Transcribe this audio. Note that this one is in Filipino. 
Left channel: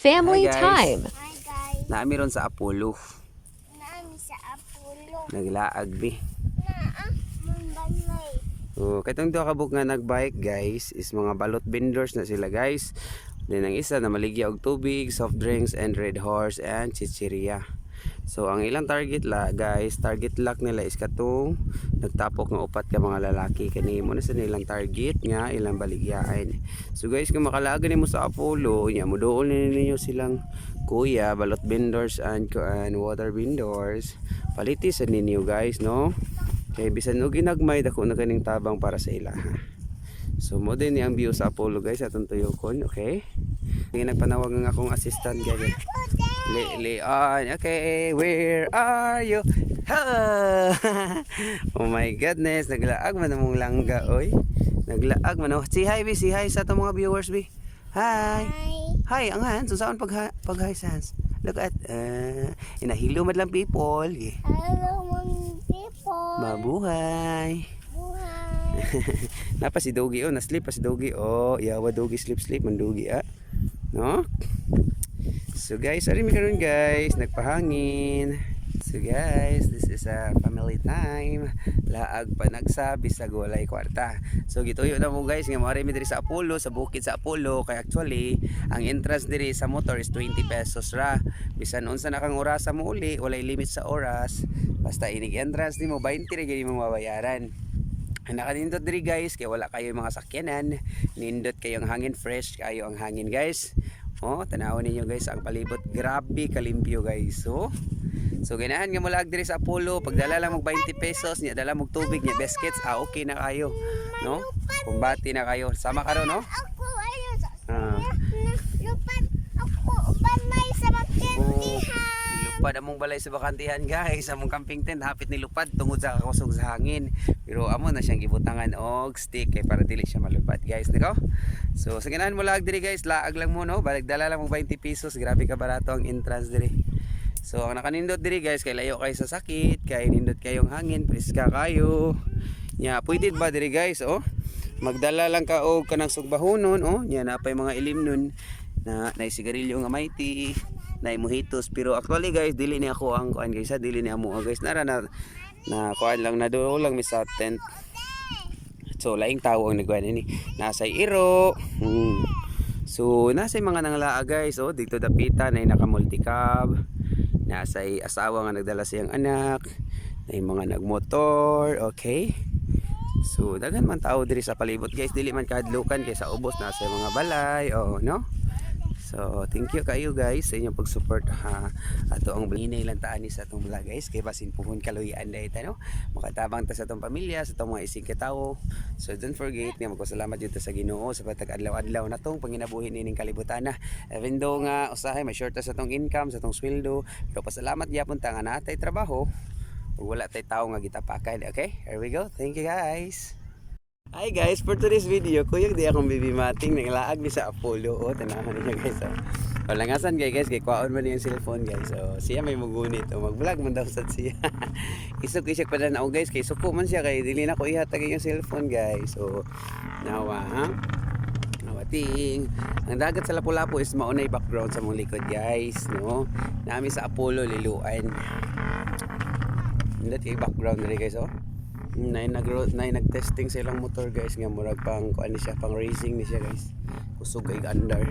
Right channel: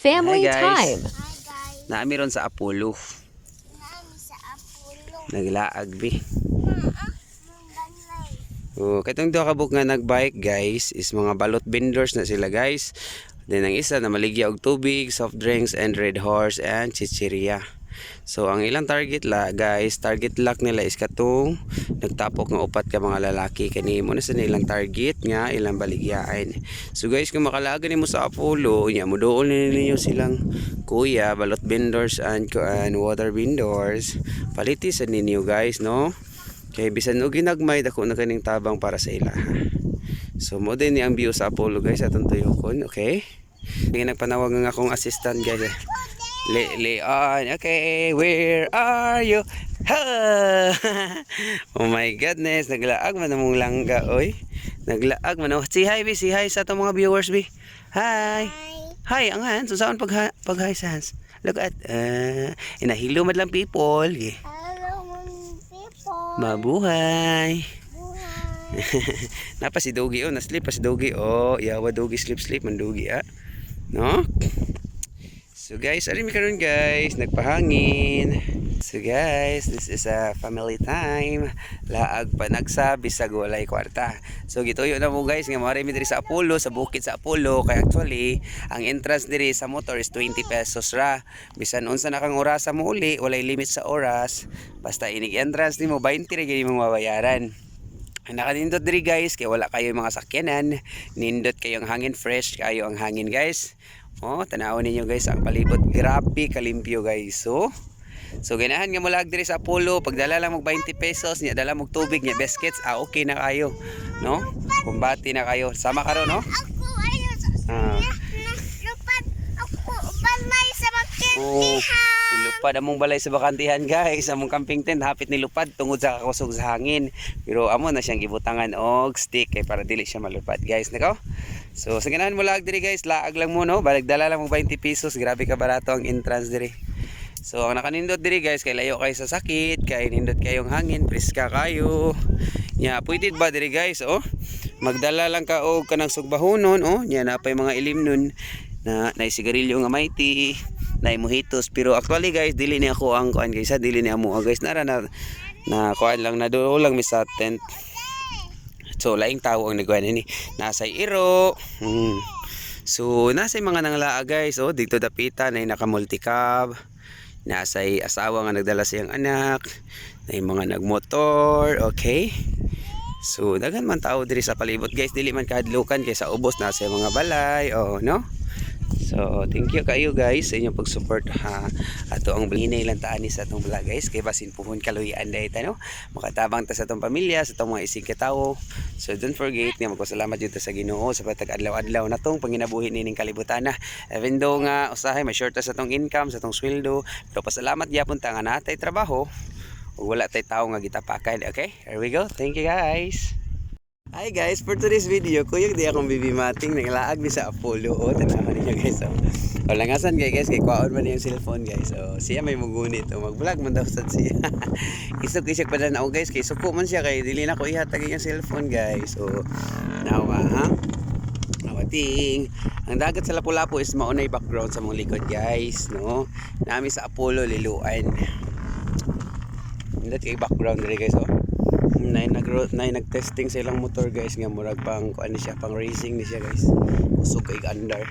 Family Hi guys. time. Hi guys, Naami ron sa Apollo. nami sa Apollo. Naglaag bi. Naa, mong balay. Oh, katong duha ka buk nga nagbike guys is mga balot vendors na sila guys. Then ang isa na maligya og tubig, soft drinks and red horse and chichiria. So ang ilang target la guys, target lock nila is katong nagtapok nga upat ka mga lalaki kani mo na sa nilang target nga ilang baligyain. So guys, kung makalaga nimo sa Apollo, nya mo dool ninyo silang kuya, balot vendors and water vendors. Paliti sa ninyo guys, no? Kay bisan og ginagmay dako na kaning tabang para sa ila. So mo din ni ang view sa Apollo guys atong tuyokon, okay? Ngay nagpanawag nga akong assistant guys. Leon, okay, where are you? Ha! Oh my goodness, naglaag man among langga oy. Naglaag man. Si hi bi, si hi sa atong mga viewers bi. Hi. Hi, ang Hans, saan pag hi sa Hans? Look at inahilo madlang people. Hello mga people. Mabuhay. Buhay. Napa si Dogi oh, na-sleep pa si Dogi oh. Yawa Dogi sleep man Dogi ah. No? So guys, ari mi karon guys, nagpahangin. So guys, this is a family time. Laag pa nagsa bisag walay kwarta. So gituyo na mo guys nga mari mi diri sa Apollo, sa bukid sa Apollo kay actually ang entrance diri sa motor is 20 pesos ra. Bisan unsa na kang orasa mo uli, walay limit sa oras. Basta inig entrance nimo 20 ra gyud imong mabayaran. Nakanindot diri guys kay wala kayo mga sakyanan, nindot kayo ang hangin, fresh kayo ang hangin guys. Oh, tanawon ninyo guys ang palibot, grabe kalimpyo guys. So ganahan nga mulag diri sa Apollo, pagdala lang mo 20 pesos, nya dala mo tubig, nya biscuits, okay na kayo, no? Kumbati na kayo. Sama ka ro, no? Ako ayo sa Ah. lupad. Ako balay sa makintihan. Lupad among balay sa bakantihan guys, among camping tent hapit ni lupad tungod sa kakusog sa hangin. Pero amo na siyang gibutangan og stick kay para dili siya malupad guys, nako. So sa ganahan mo lag diri guys, laag lang mo no, balik dala lang mo 20 pesos, grabe ka barato ang entrance diri. So ang nakanindot diri guys, kay layo kayo sa sakit, kay nindot kayong hangin, preska kayo. Nya pwede ba diri guys, oh? Magdala lang ka og kanang sugbahonon, oh. Nya napay mga ilim nun na sigarilyo nga mighty, na mojitos. Pero actually guys, dili ni ako ang kuan guys, dili ni amo guys, nara na kuan lang na do lang mi sa tent. So laing tao ang nagkuan ni nasa iro. So nasa mga nanglaa guys, oh, dito dapitan ay naka multicab. Nasa asawa nga nagdala siyang anak, na mga nagmotor, okay? So daghan man tao diri sa palibot guys, dili man kahadlukan kay sa ubos nasa mga balay, oh no? So thank you kayo guys sa inyong pag-support ha. Ato ang hinay lang taan ni sa atong vlog guys, kay basin puhon kaluyan dayta no. Makatabang ta sa atong pamilya, sa atong mga isig katawo. So don't forget nga magpasalamat jud ta sa Ginoo sa patag adlaw-adlaw natong panginabuhi nining kalibutan na. Even though nga usahay may short ta sa atong income, sa atong sweldo, pero pasalamat gyapon ta nga natay trabaho ug wala tay tawo nga gitapakan. Okay? Here we go. Thank you guys. Hi guys, for today's video, kuyog di akong bibimating naglaag ni sa Apollo. Oh, tanahan niyo guys. Oh. Langasan guys, kay kwaon man yung cellphone guys. So, siya may mugunit. Oh, mag-vlog man daw sa siya. Isok pa na ako guys, kay suko man siya kay dili na ko ihatag yung cellphone guys. So, nawa ha. Nawating. Ang dagat sa Lapu-Lapu is maunay background sa mong likod guys, no. Nami sa Apollo liluan. Hindi kay background diri guys, oh. Nag-testing sa ilang motor guys nga murag pang kuan ni siya, pang racing ni siya guys. Usog kay andar.